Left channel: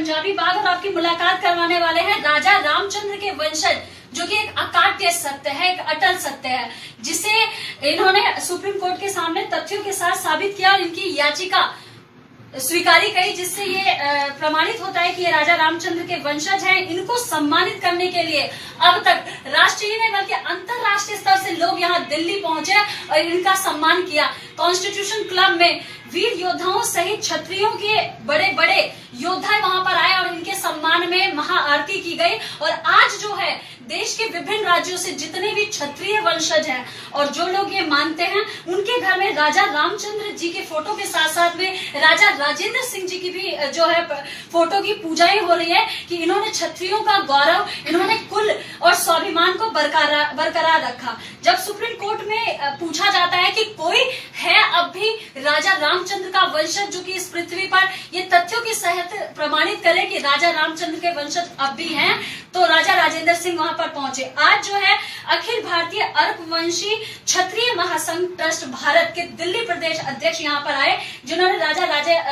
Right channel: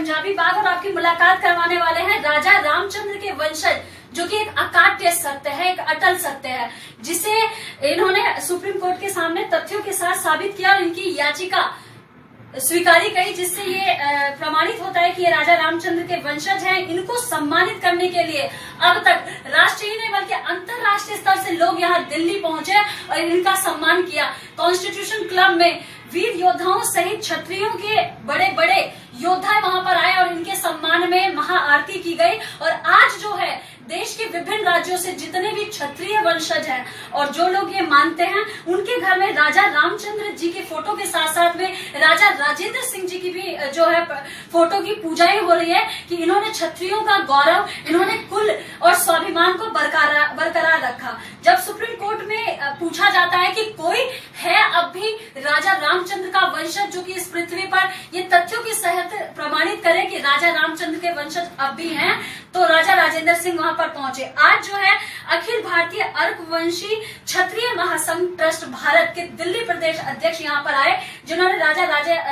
पंजाबी बाग और आपकी मुलाकात करवाने वाले हैं राजा रामचंद्र के वंशज, जो कि एक अकाट्य सत्य है, एक अटल सत्य है, जिसे इन्होंने सुप्रीम कोर्ट के सामने तथ्यों के साथ साबित किया और इनकी याचिका स्वीकारी गई, जिससे ये प्रमाणित होता है कि ये राजा रामचंद्र के वंशज हैं। इनको सम्मानित करने के लिए अब तक राष्ट्रीय नहीं बल्कि अंतरराष्ट्रीय स्तर से लोग यहाँ दिल्ली पहुंचे और इनका सम्मान किया। कॉन्स्टिट्यूशन क्लब में वीर योद्धाओं सहित क्षत्रियों के बड़े बड़े योद्धा वहां पर आए और इनके सम्मान में महाआरती की गई। और आज जो है देश के विभिन्न राज्यों से जितने भी क्षत्रिय वंशज हैं और जो लोग ये मानते हैं, उनके घर में राजा रामचंद्र जी के फोटो के साथ साथ में राजा राजेंद्र सिंह जी की भी जो है फोटो की पूजाएं हो रही है कि इन्होंने क्षत्रियों का गौरव, इन्होंने कुल और स्वाभिमान को बरकरार रखा। जब सुप्रीम कोर्ट में पूछा जाता है कि कोई है अब भी राजा रामचंद्र का वंशज जो कि इस पृथ्वी पर ये तथ्यों के सहित प्रमाणित करे कि राजा रामचंद्र के वंशज अब भी हैं, तो राजा राजेंद्र सिंह वहां पर पहुंचे। आज जो है अखिल भारतीय अर्कवंशी क्षत्रिय महासंघ ट्रस्ट भारत के दिल्ली प्रदेश अध्यक्ष यहाँ पर आए, जिन्होंने राजा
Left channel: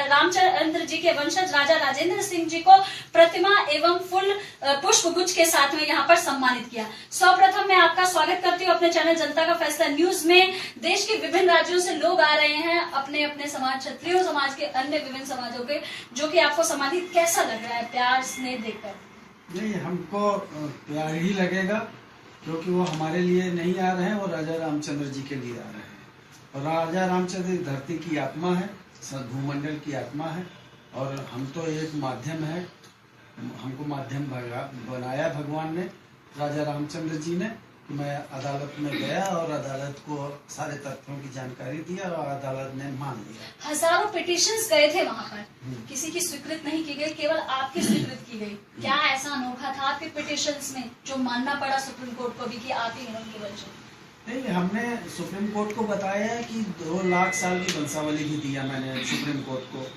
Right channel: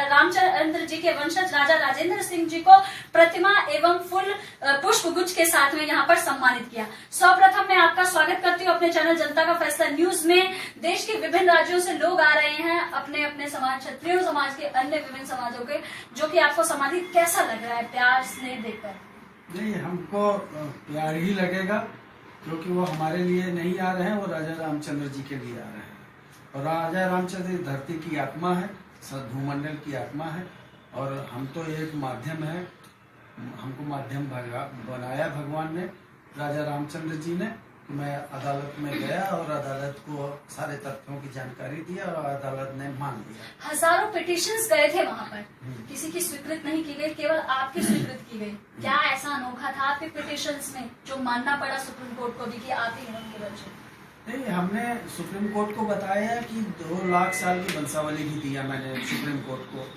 रामचंद्र जी के वंशज राजा राजेंद्र सिंह जी को प्रतिमा एवं फूल पुष्प गुच्छ के साथ में यहाँ पर सम्मानित किया। सर्वप्रथम मैं आपका स्वागत करती हूँ अपने चैनल जनता का फैसला न्यूज में। देश के विभिन्न राज्यों से लोग आ रहे हैं, अपने अपने समाज, क्षत्रिय समाज के अन्य विभिन्न समाजों के, जो कि आपको सम्मानित कैसा लग रहा है प्यार स्नेह देखकर? नहीं, हमको प्यार ही लगेगा, क्योंकि वो हमारे लिए नहीं आ रहे हैं, वो राजा रामचंद्र जी के लिए आ रहे हैं। और राजा रामचंद्र धरती की आत्मा है, भूमंडल की आत्मा है, और हम तो एक माध्यम है। हमको माध्यम बनाया भगवान ने, राजा रामचंद्र जी ने। मैं अदालत में गया और अदालत को सारे तथ्यों की जानकारी दिया और अदालत ने मान लिया। हजारों पिटिशंस गए थे वहां पर, किसी की स्वीकृत नहीं की गई, केवल आपकी स्वीकृत की गई। क्या ऐसा अनोखा था आपके पिटिशंस में जो मानना पड़ा सुप्रीम कोर्ट को भी कि आप ही हैं उनके वंशज? नहीं, हमने सुप्रीम कोर्ट को बताया कि 2 लाख साल की वंशावली भी दिया मैंने सुप्रीम कोर्ट को,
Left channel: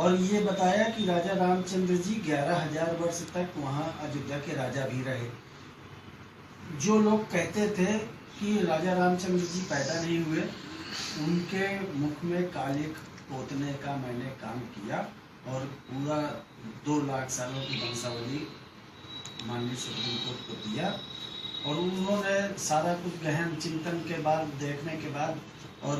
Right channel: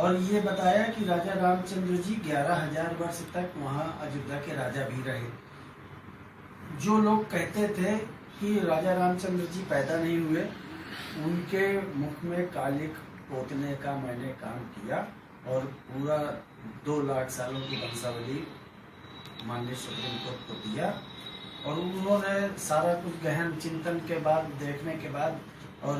और ये बताया कि राजा रामचंद्र जी 11,000 वर्ष तक वहाँ अयोध्या के राजा भी रहे। जो लोग कहते थे कि राजा रामचंद्र जी पैदा नहीं हुए, उनके मुख में कालिक पोतने का मैंने काम किया और पूरा 2 लाख सालों की वंशावली माननीय सुप्रीम कोर्ट को दिया। और उन्होंने सारा कुछ गहन चिंतन के बाद, देखने के बाद, और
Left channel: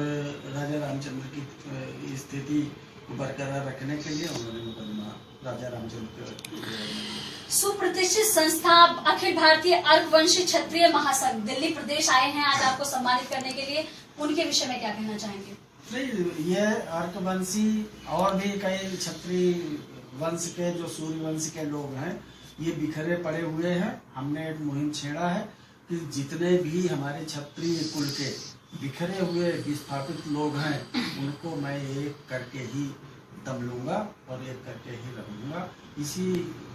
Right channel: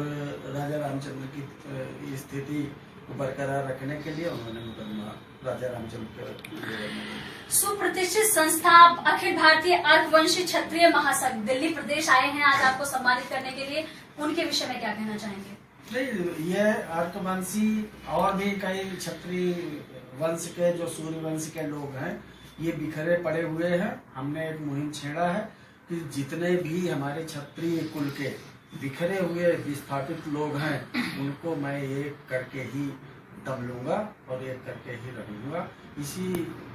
राजा रामचंद्र की स्थिति को बरकरार रखने के लिए उन्होंने मुकदमा राजा रामचंद्र के सुप्रतिष्ठित संस्था अखिल भारतीय अर्कवंशी क्षत्रिय महासंघ दिल्ली प्रदेश आए हैं आज आपको सम्मानित करने के लिए, उनके विषय में क्या कहना चाहेंगे? नहीं, ये अर्कवंशी और भी कई क्षत्रिय वंश के, जो सूर्य वंश के लोग हैं, ये बिखरे पड़े हुए हैं। हमने एक मुहिम छेड़ा है कि जितने भी हमारे क्षत्रिय कुल के बिखरे हुए विस्थापित लोग हैं, उनको मैं एक करके ही दम लूंगा और एक करके ही रहूंगा। इसी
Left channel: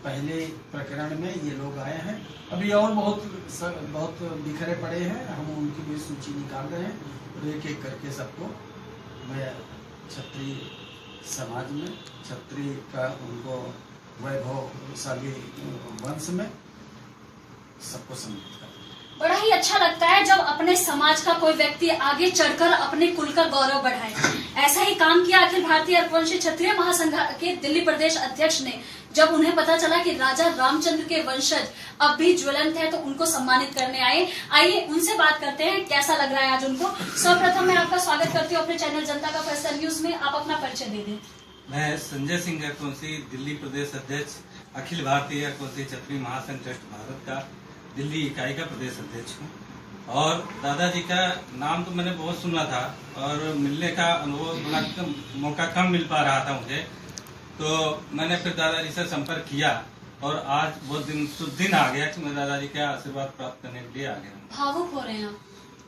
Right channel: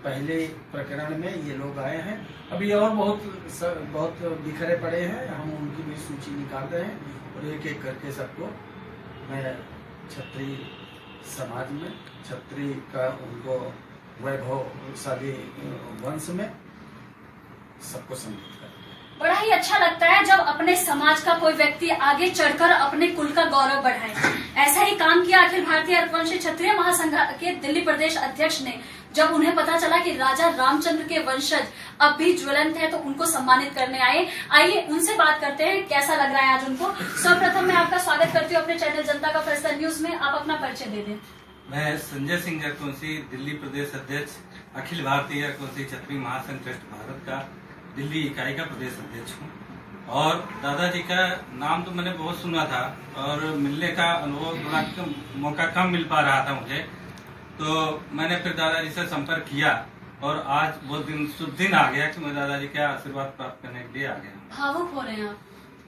पहले प्रकरण में ये लोग आए हैं, अभी और बहुत बिखरे पड़े हैं। हम उनकी भी सूची निकाल रहे हैं और एक एक करके सबको मैं क्षत्रिय समाज में, क्षत्रिय का उनको वैभवशाली वंश में सबको सम्मिलित कर। बड़ा ही अच्छा लगता है जब अपने समाज का कोई व्यक्ति आगे चढ़कर अपने कुल का गौरव बढ़ाए। ऐसा ही काम किया अखिल भारतीय अर्कवंशी क्षत्रिय महासंघ के दिल्ली प्रदेश अध्यक्ष ने। जब उन्हें पता चला कि राजा रामचंद्र के वंशज अब भी ज्वलंत है, तो उनको सम्मानित करने आए। आइए उनसे बात करते हैं, कैसा लग रहा है आज उनको। सर्वप्रथम मैं आपका स्वागत करती हूँ अपने चैनल जनता का फैसला न्यूज में। आप अपना परिचय दे दें। मैं संजय सिंह अर्कवंशी, दिल्ली प्रदेश अध्यक्ष, अखिल भारतीय अर्कवंशी क्षत्रिय महासंघ ट्रस्ट भारत का दिल्ली इकाई का प्रदेश अध्यक्ष हूँ। और दादाजी का नाम तो मैंने बहुत सुना था और मिलने का अनुभव बड़ा मौका कम मिल पा रहा था मुझे, तो मैंने फिर दादाजी से संपर्क किया और आज बहुत शुभ दिन आ गया कि मैं दादाजी का आशीर्वाद प्राप्त करने के लिए आ गया। भावुक हो रहे हैं आप?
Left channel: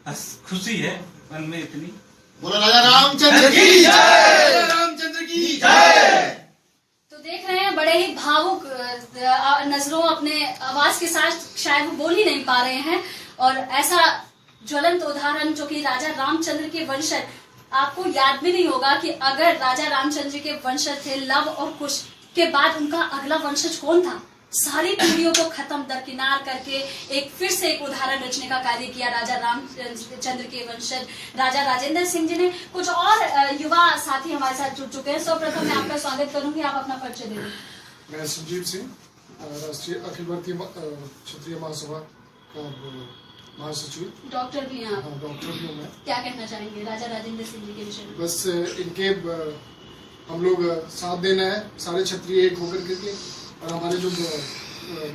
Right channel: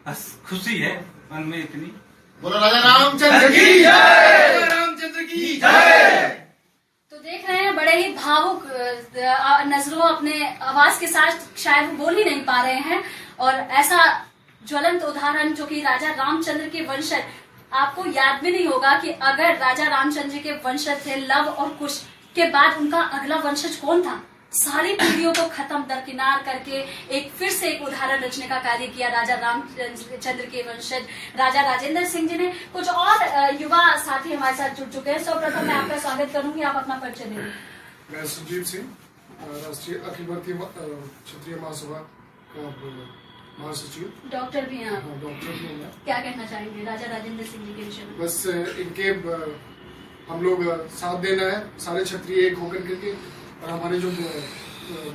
बस खुशी है मन में इतनी। बोलो राजा रामचंद्र की जय, रामचंद्र की जय। तो देख रहे हैं, बड़े ही भावुक नजरों, अपने आवाज के साथ शायद वो बोल ही नहीं पा रहे हैं। और ऐसा ज्वलंत उदाहरण जो कि राजा रामचंद्र के वंशज, आपको याद भी नहीं होगा कि अगर राजा रामचंद्र के वंशज थे लव और कुश के बाद उनका अगला वंशज कौन था। सारी पीढ़ियों को खत्म दरकिनार करके एक फिर से एक उदाहरण रचने का कार्य किया राजा रामचंद्र के वंशज राजा राजेंद्र सिंह जी ने। कुछ और युवा साथी हमारे साथ जुड़ चुके हैं। सर्वप्रथम मैं आपका स्वागत करूंगी, आप अपना परिचय दें। मैं सुखजीत सिंह, राष्ट्रीय अखिल भारतीय क्षत्रिय महासभा का महासचिव। डॉक्टर भी हैं आप। हाँ, डॉक्टर भी हूँ मैं। क्या कहना चाहेंगे राजा राजेंद्र सिंह जी के विषय में? बस इनके हम लोग साथ देना है, सारे क्षत्रिय एक होकर करके, और हमारे जो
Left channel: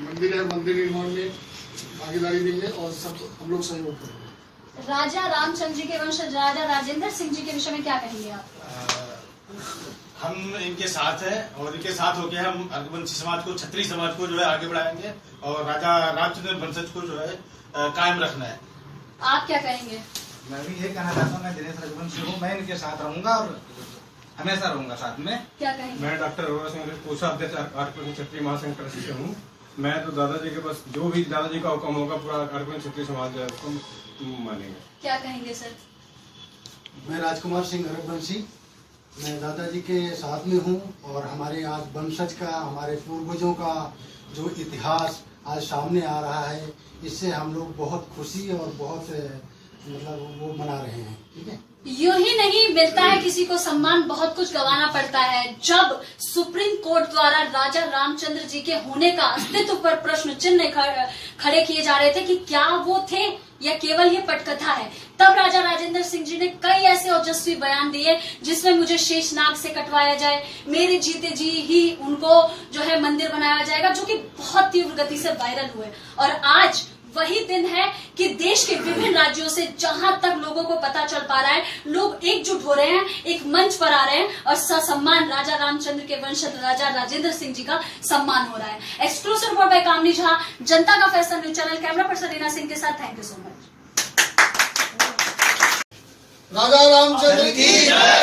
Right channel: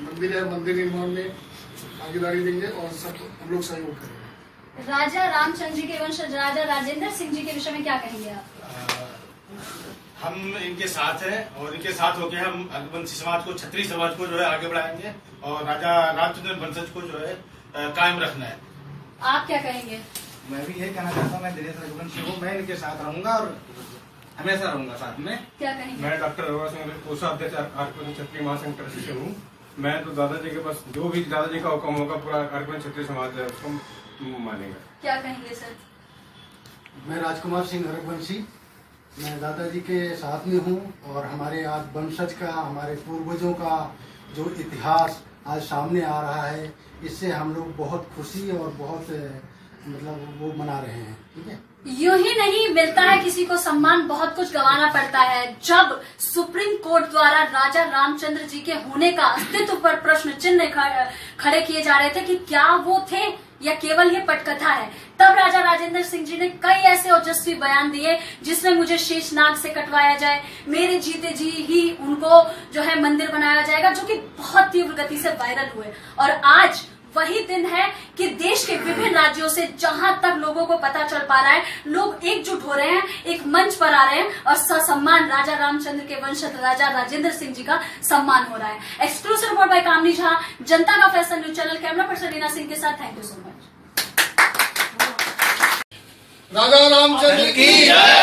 मंदिर है, मंदिर निर्माण में भागीदारी देंगे और सब हम लोग सहयोग करेंगे। राजा रामचंद्र जी के वंशज राजा राजेंद्र सिंह जी के विषय में क्या कहेंगे आप? हम इनके साथ हैं और इनके साथ होकर हम रघुवंशी समाज को, क्षत्रिय समाज को जो है आगे बढ़ाएंगे और राजा रामचंद्र वंशज को जो है कायम रखना है। आप क्या कहेंगे? मैं भी यही कहना चाहता हूँ, मैं दिनेश रघुवंशी हूँ, मैं इनके साथ रहूंगा और हमेशा रहूंगा साथ में। क्या कहेंगे? मैं डॉक्टर अरोड़ा सिंह कोषाध्यक्ष आर्यवर्त क्षत्रिय महासंघ ट्रस्टी से हूँ। मैं तो दादाजी के पास जो भी दादाजी का हुक्म होगा पूरा आर्यवर्त क्षत्रिय समाज है उसको मानेगा। क्या कहेंगे सर? मैं राजकुमार सिंह रघुवंशी, मैं दादाजी के साथ में हूँ और हमारे आज वंशज का, हमारे पूर्वजों का जो इतिहास आज सामने आ रहा है, इससे हम लोग बहुत खुशी और बहुत मतलब वो मना रहे हैं। ठीक है, यूं ही नहीं मिलता है किसी को सम्मान, बहुत कुछ गंवाना पड़ता है। जब सुप्रीम कोर्ट द्वारा राजा रामचंद्र जी के होने का अस्तित्व पर प्रश्न चिन्ह खड़े किए जा रहे थे कि क्या वो थे या केवल ये पटकथा है, तब राजा राजेंद्र सिंह जी ने कई ऐसे ओजस्वी बयान दिए जिसमें मुझे शेषनाग से कटवाया जाए, मेरे जीते जी ही उनको जो है मंदिर बनाया जाएगा, जो कि बहुत तीव्र गति से वायरल हुए। और आज वही दिन है कि देश के विभिन्न राज्यों से जहां तक लोगों को पता चल पा रहा है, लोग एकजुट हो रहे हैं, एक मंच पर आ रहे हैं और ससम्मान राजा रामचंद्र के वंशज राजा राजेंद्र सिंह जी का सम्मान हो रहा है। Exclusive report by Kamini Jha, जनता का फैसला news channel, camera person Reena Singh के साथ। Thank you so much. राजा रामचंद्र की जय।